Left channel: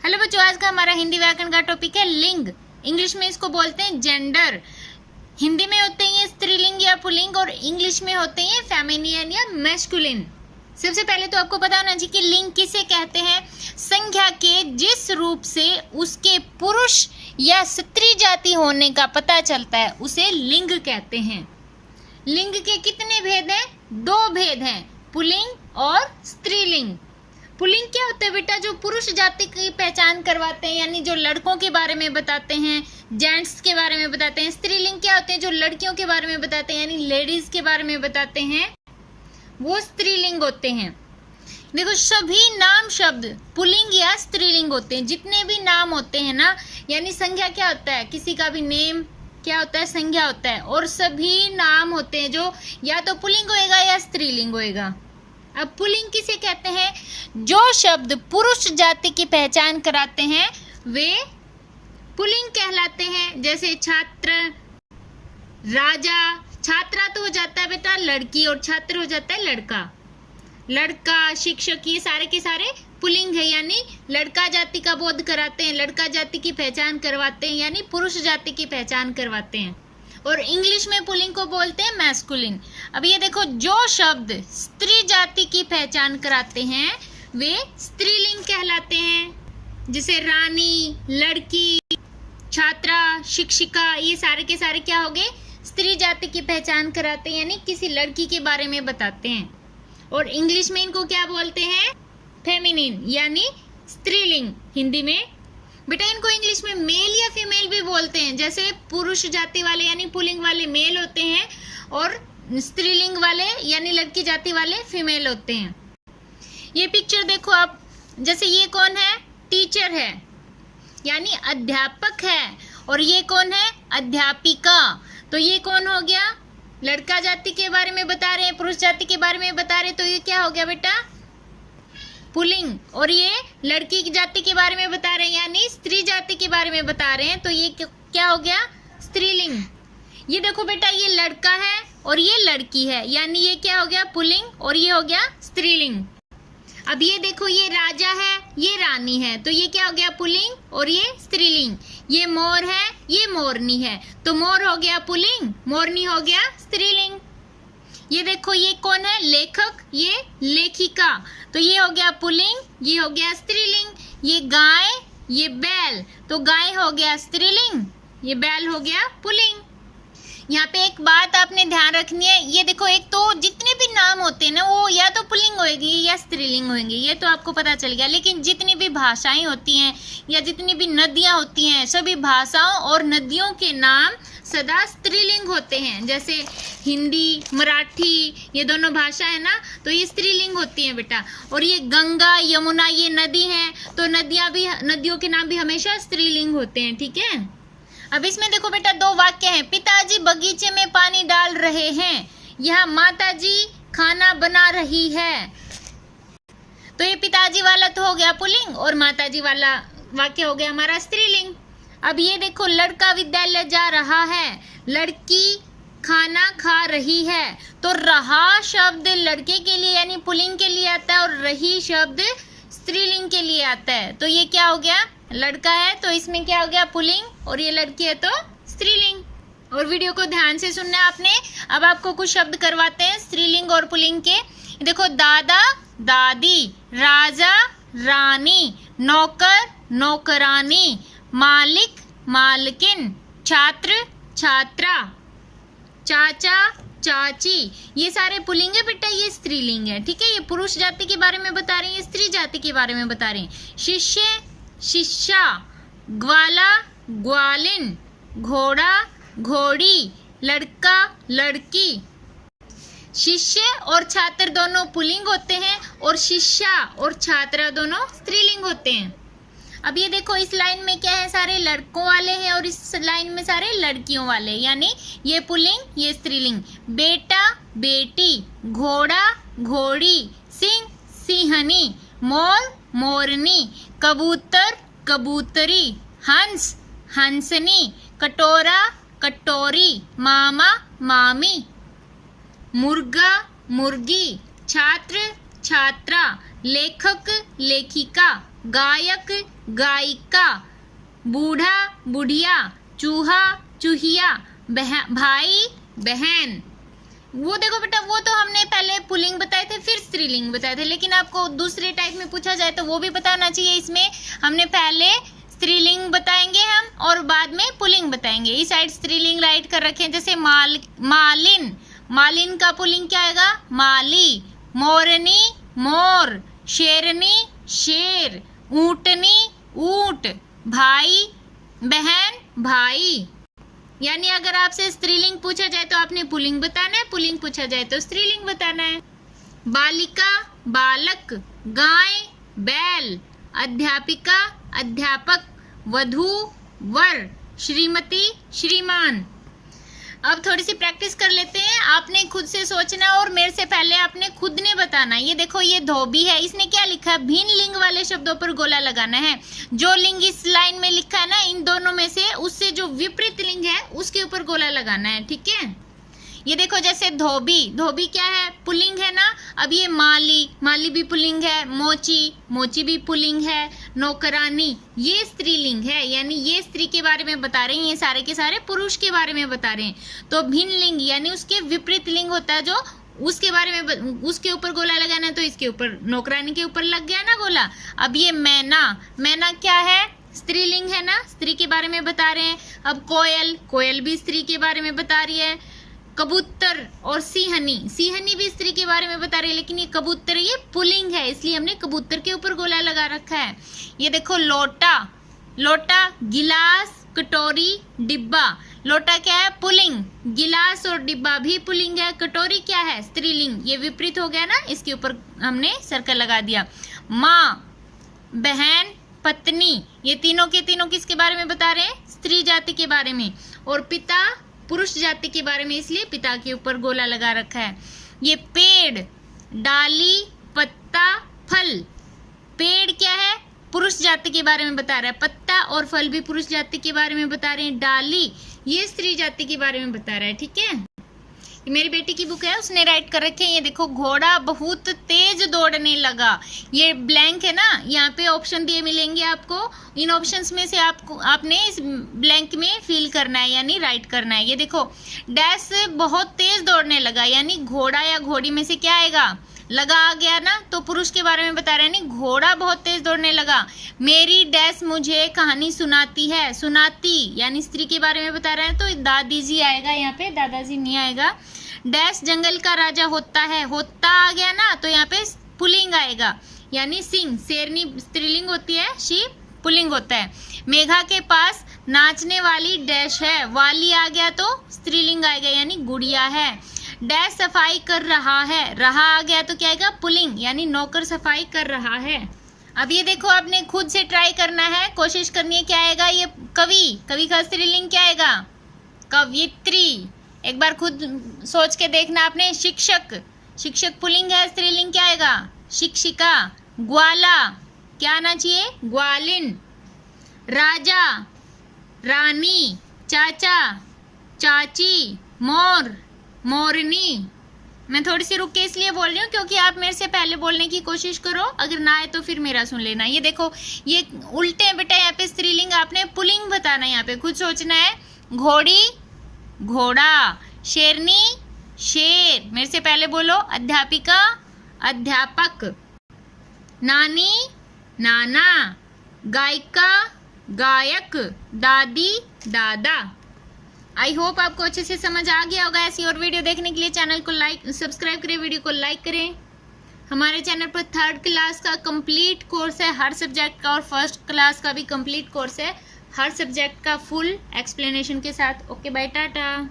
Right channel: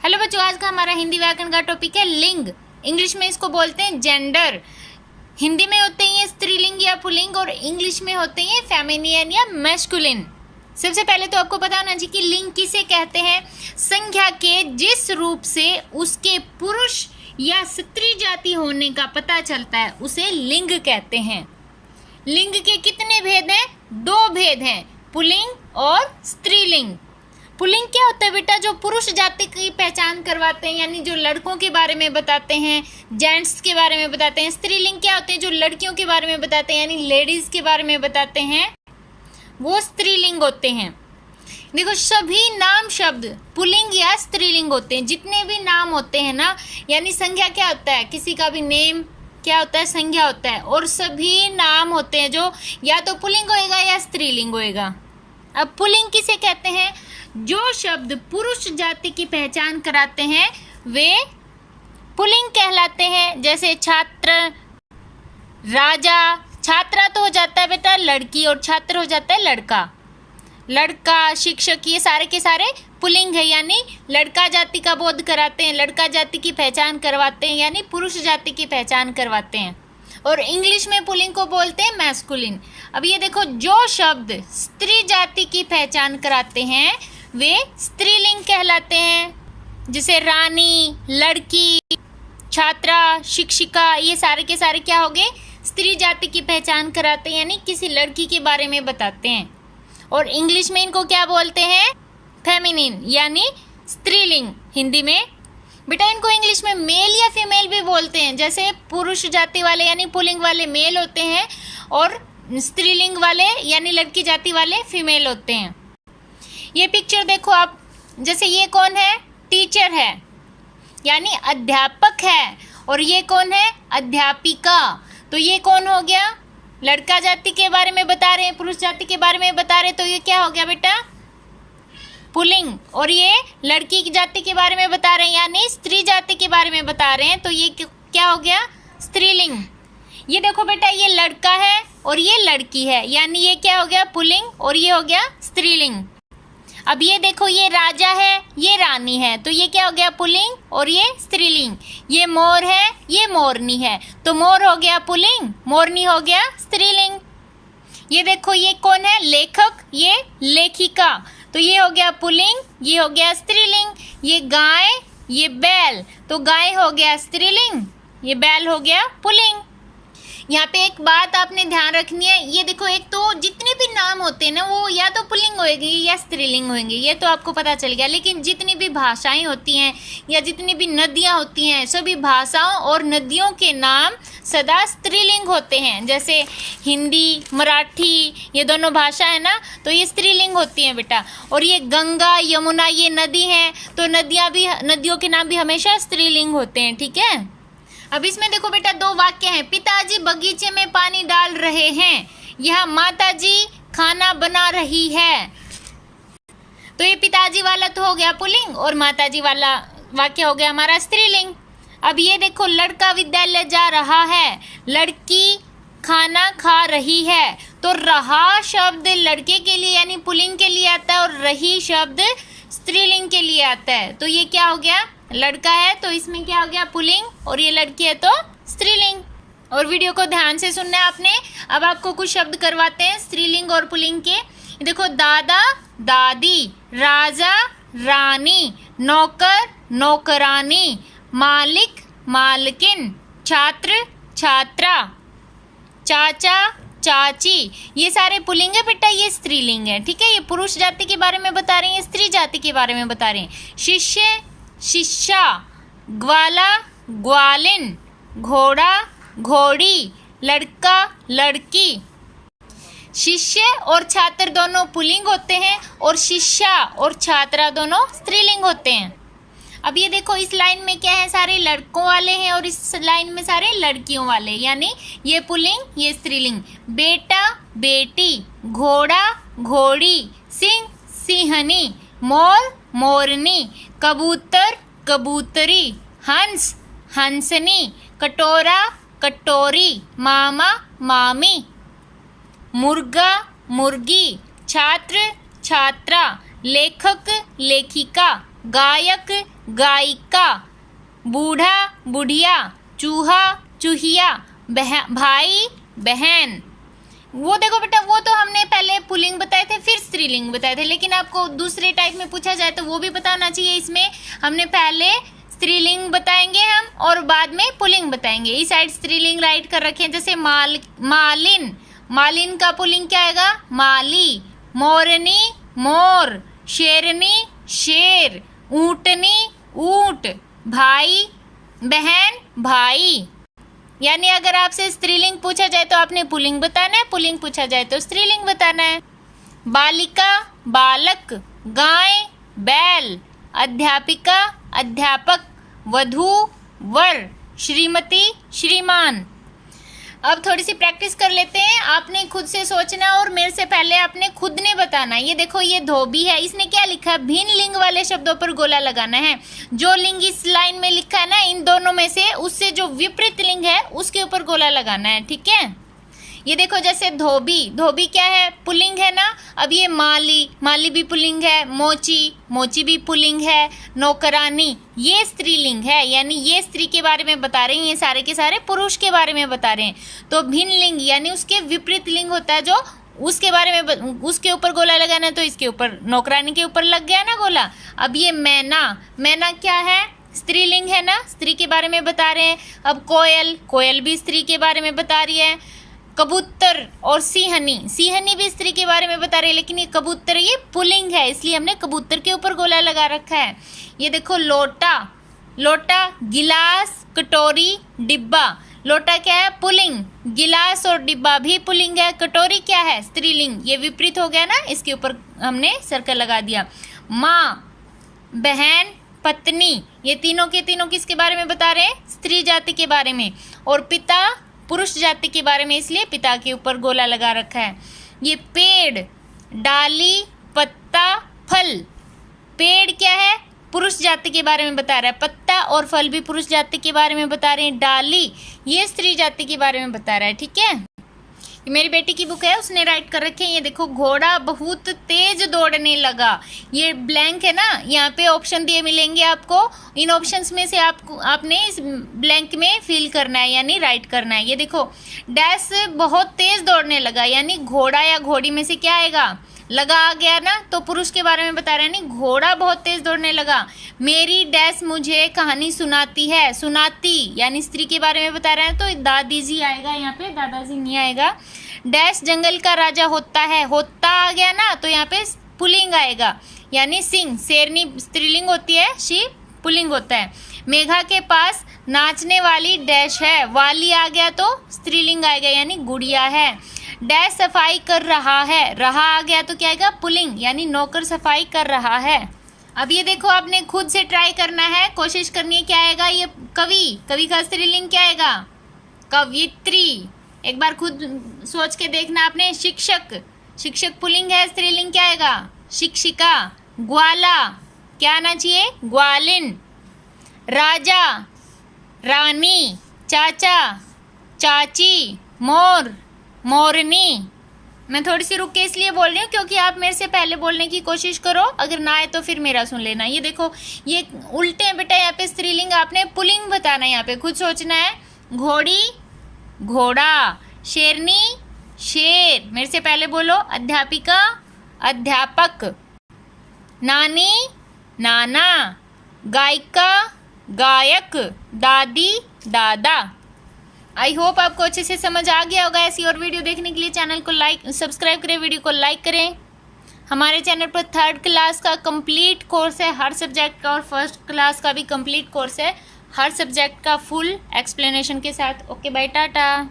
Hello बच्चों, आज का हमारा हिंदी व्याकरण का टॉपिक है लिंग। इंग्लिश में इसको बोलते हैं जेंडर। हिंदी में होते हैं ये स्त्रीलिंग या पुल्लिंग और इंग्लिश में होते हैं फेमिनिन या मैस्कुलिन। सबसे पहले तो आपको पता होना चाहिए कि लिंग किसे कहते हैं। संख्या के जिस रूप से उसके पुरुष या स्त्री जाति होने का पता चलता है उसे लिंग कहते हैं। लिंग के कितने भेद हैं? 2 भेद हैं, पुल्लिंग और स्त्रीलिंग। पुल्लिंग क्या होता है बेटा? जो पुरुष जाति की पहचान करवाते हैं, यानी जो लड़कों के बारे में बताते हैं, जेंट्स के बारे में बताते हैं। स्त्रीलिंग क्या होते हैं? जो लड़कियों के बारे में बताते हैं, यानी लेडीज के बारे में बताते हैं, वो स्त्रीलिंग होते हैं। देखो, सभी नाम शब्द पुल्लिंग या स्त्रीलिंग होते हैं। जितने भी नाम होते हैं ना, यानी संज्ञा क्या होता है? किसी का भी नेम क्या होता है? संज्ञा होता है। और सभी नाम होते हैं जो या तो पुल्लिंग होएगा या स्त्रीलिंग होएगा। अब पुल्लिंग किसे कहते हैं? जो शब्द पुरुष जाति की पहचान कराते हैं वे पुल्लिंग कहलाते हैं। जैसे छात्र, राजा। छात्रा तो हो जाता है बेटा लड़की और छात्र हो जाता है लड़का। लड़का, शिक्षक, ये सारे के सारे पुल्लिंग है, यानी लड़का जाति का बोध कराते हैं, लड़का जाति की पहचान करवाते हैं, यानी पुरुष जाति की पहचान करवाते हैं। और इंग्लिश में पुल्लिंग को बोलते हैं मैस्कुलिन। अब ये देखो, जो शब्द स्त्री जाति की पहचान कराते हैं वे स्त्रीलिंग कहलाते हैं। जैसे रानी, लड़की, छात्रा, शिक्षिका, ये सारे के सारे क्या हो गए? स्त्री जाति की पहचान कराते हैं, यानी किसी लड़की के बारे में बताते हैं। और इंग्लिश में इनको क्या बोलते हैं? फेमिनिन, यानी स्त्रीलिंग। हिंदी में बेटा इनको इंग्लिश में मेल या फीमेल भी बोलते हैं। जैसे पुरुष जाति वाले यानी पुल्लिंग वाले मेल होते हैं और स्त्रीलिंग वाले यानी लड़की जाति वाले फीमेल होते हैं। ये पिक्चर देखो आप, जैसे ये कौन है? टीचर है, यानी अध्यापक है। और ये कौन है? अध्यापिका। तो ये कौन हो गया? लड़का जाति के बारे में बता रहे हैं, पुरुष जाति के बारे में बता रहे हैं, तो ये क्या हो गया बेटा? पुल्लिंग। और ये लड़की की जाति के बारे में बता रहे हैं, यानी स्त्री जाति के बारे में बता रहे हैं, तो ये क्या हो गया? स्त्रीलिंग। ये देखो बेटा, ये लड़का है और ये लड़की है, यानी ये क्या हो गया? पुल्लिंग। और ये हो गया स्त्रीलिंग। अब ये देखो, ये राजा है, ये रानी है, तो ये क्या हो गया? पुल्लिंग और ये स्त्रीलिंग। ये मोर है, ये मोरनी है, तो मोर हो गया पुल्लिंग, मोरनी हो गया स्त्रीलिंग। ये देखो, ये कौन है? लेखक, ये लेखिका, तो ये हो गया पुल्लिंग, ये हो गया स्त्रीलिंग। ये गाय, ये बैल, तो गाय हो गया स्त्रीलिंग, ये बैल हो गया पुल्लिंग। यहाँ पे एक बात आपने ध्यान रखनी है, ये देखो, एक तो जितने भी नाम होते हैं ना वो या तो पुल्लिंग होएंगे या स्त्रीलिंग होंगे, ये तो आपको पता चल गया। लेकिन जितनी भी भाषाएं होती हैं या जितनी भी नदियाँ होती हैं, सभी भाषाओं और नदियों के नाम सदा स्त्रीलिंग होते हैं। जैसे हिंदी, मराठी, ये दोनों भाषा है ना, तो ये स्त्रीलिंग होती हैं बेटा। और ये गंगा, यमुना, ये नदी हैं, तो नदियों के नाम भी हमेशा स्त्रीलिंग होते हैं, ठीक है। अब इसमें देखो बेटा, 2 वाक्य हैं। पिताजी बगीचे में पानी डाल रहे हैं, यहाँ माताजी खाना बना रही है। तो ये पिताजी वाला तो हो गया पुल्लिंग और माताजी वाला वाक्य हो गया हमारा स्त्रीलिंग। अब ये देखो, लड़का विद्यालय जा रहा है, लड़की खाना खा रही है, तो रहा शब्द लड़के के लिए यानी पुल्लिंग के लिए आता है और रही शब्द स्त्रीलिंग के लिए आता है। तो ये क्या हो गया? लड़का है तो इसमें क्या हो गया? पुल्लिंग, और ये लड़की है तो स्त्रीलिंग। और वीडियो को ध्यान से सुनना है आपने। अब आपको कुछ शब्द करवाते हैं स्त्रीलिंग और पुल्लिंग के। देखो, दादा, दादी, राजा, रानी, नौकर, नौकरानी, मालिक, मालकिन, छात्र, छात्रा, चाचा, चाची, ये सारे पुल्लिंग है बेटा, ये स्त्रीलिंग है, ठीक है। ये पुरुष जाति के बारे में बता रहे हैं, स्त्री जाति के बारे में बता रहे हैं। शिष्य, शिष्या, ग्वाला, ग्वालिन, घोड़ा, घोड़ी, लड़का, लड़की। शिष्य और छात्र दोनों पुल्लिंग होते हैं और शिष्या और छात्रा दोनों स्त्रीलिंग होते हैं। अब ये देखो, इस लाइन में क्या है? सारे लड़कों वाले हैं और इस लाइन में सारे लड़कियों वाले, यानी ये पुल्लिंग, ये स्त्रीलिंग। बेटा, बेटी, घोड़ा, घोड़ी, सिंह, सिंहनी, मोर, मोरनी, कबूतर, कबूतरी, हंस, हंसनी, कटोरा, कटोरी, मामा, मामी, मुर्गा, मुर्गी, छात्र, छात्रा, लेखक, लेखिका, गायक गायिका, बूढ़ा बुढ़िया, चूहा चूहिया, भाई बहन। वो देखो बेटा, वो तो हमने पहले पुल्लिंग बताए थे फिर स्त्रीलिंग बताए थे, लेकिन आपको दूसरे टाइप में पूछा जाए तो वो भी बताना चाहिए। इसमें हमने पहले स्त्रीलिंग बताएंगे हम और बाद में पुल्लिंग बताएंगे। इस साइड स्त्रीलिंग राइट कर रखे हैं, जैसे मालिन, मालिन का पुल्लिंग क्या आएगा? माली। मोरनी मोर, शेरनी शेर, ऊंटनी ऊंट, भाई बहन भाई। यानी अगर आपसे स्त्रीलिंग पूछा जाए तो आपने पुल्लिंग बताना है, पुल्लिंग पूछा जाए तो स्त्रीलिंग बताना है। बालिका बालक, गाय बैल, अध्यापिका अध्यापक, वधू वर, श्रीमती श्रीमान। अब थोड़ी सी प्रैक्टिस कर लेते हैं। आपने खुद से सोचना और मेरे से पहले आपने खुद ने बताना। ये देखो, ये धोबी है, इसने क्या लिखा है? भिन्न लिंग वाले शब्दों पर गोला लगाना है। जो लिंग इस लाइन में लिखा है ना, इन दोनों में से उससे जो विपरीत लिंग है उसके ऊपर गोला लगाना है, ठीक है। ये देखो, जैसे धोबी, धोबी क्या है? पुल्लिंग है ना। अब ये माली, माली भी पुल्लिंग है। मोची, मोची भी पुल्लिंग है। नौकरानी, ये स्त्रीलिंग है, यानी ये स्त्री के बारे में बता रहे हैं, ये सारे के सारे पुरुष के बारे में बता रहे हैं। तो भिन्न लिंग यानी उसके विपरीत लिंग होता है, जो उसके बारे में उसके ऊपर गोला लगाना, तो इसके ऊपर नौकरानी के ऊपर लग गया ना गोला। अब ये मैना, मैना क्या है? स्त्रीलिंग है ना, स्त्री के बारे में बता रहे हैं। अब कोयल, कोयल भी स्त्री के बारे में बता रही है। कबूतर और सिंहनी, सिंहनी भी स्त्री के बारे में बता रही है, लेकिन ये कबूतर ये पुल्लिंग है, इसलिए हमने कबूतर के ऊपर गोला लगा रखा है। ये देखो, लोटा, लोटा गिलास कटोरी डिब्बा। लोटा क्या है? पुल्लिंग। गिलास और डिब्बा भी पुल्लिंग है। कटोरी क्या है? स्त्रीलिंग। ये विपरीत हो गया ना, इसके ऊपर हमने सर्कल लगा दिया। माँ, बहन, पत्नी, ये तीनों के तीनों किसके बारे में बता रहे हैं? स्त्री जाति के बारे में। और पिता पुरुष जाति के बारे में, इसलिए पिता के ऊपर गोला लगा रखा है। ये पेड़, डाली, पत्ता, फल। पेड़ क्या है? पुरुष जाति के बारे में बता रहा है। पत्ता और फल भी पुरुष जाति के बारे में बता रहे हैं। डाली ये स्त्री जाति के बारे में बता रहा है, ठीक है। मेरी बेटी की बुक है, उसने राइट कर रखे हैं। ये देखो, घोड़ा बहुत तेज दौड़ने लगा। ये ब्लैंक है ना, यहाँ पे ऑप्शन दिए मिलेंगे आपको। इन ऑप्शंस में से आपने इस ब्लैंक में फिल करना है, यानी राइट करना है। ये देखो, डैश बहुत तेज दौड़ने लगा, यानी घोड़ा या घोड़ी में से क्या आएगा? लगा आ गया ना, तो पुरुष के बारे में बता रहे हैं। यानी घोड़ा बहुत तेज दौड़ने लगा। मेरी डैश मुझे कहानी सुनाती है, सुनाती यानी स्त्री के बारे में बता रहे हैं, तो दादी जी आएगा यहाँ पे, दादाजी नहीं आएगा। डैश जंगल का राजा होता है, होता आ गया ना, तो यहाँ पे पुल्लिंग आएगा, यानी सिंह। शेरनी स्त्रीलिंग होती है, शीप पुल्लिंग होता है। मेघा के पास नाचने वाली डैश है, वाली आ गया तो स्त्रीलिंग आएगा, यानी गुड़िया है। डैश सफाई कर रहा है, रहा आ गया तो क्या आएगा? पुल्लिंग, यानी नौकर सफाई कर रहा है। अब ये देखो, आपने खुद से ट्राई करना है, कोशिश करनी है। क्या आएगा? ये कवि, कवि का स्त्रीलिंग क्या आएगा? कवित्री। एक बार खुद सोच के देखना आपने। शिक्षक, शिक्षक पुल्लिंग है, स्त्रीलिंग क्या आएगा? शिक्षिका। ग्वाला क्या आना चाहिए? ग्वालिन। राजा, रानी। चाचा, चाची। मोर, मोरनी। मैं थोड़ी सी रुक के इसलिए बोल रही हूँ क्योंकि आप मेरे से पहले बोलने की कोशिश करो, अगर ना आए तो फिर मेरा सुन लेना। ये देखो, ये उल्टे हैं बेटा, यहाँ पे स्त्रीलिंग आपने पुल्लिंग बताना है, यहाँ पे खुद सोचना है। घोड़ी, घोड़ा। शेरनी, शेर। मेरे से पहले बोलो। अध्यापिका, अध्यापक। नानी, नाना। गायिका, गायक। दादी, दादा। आई होप आपको अच्छे से समझ आ गया होगा। ऐसी और वीडियो देखने के लिए चैनल को सब्सक्राइब करें, वीडियो को लाइक करें। हमारे चैनल पर 3rd क्लास का कंप्लीट कोर्स है हर सब्जेक्ट का, और 1st क्लास का भी कंप्लीट कोर्स है हर सब्जेक्ट का फुल एक्सप्लेनेशन के साथ। Okay bye, Tata.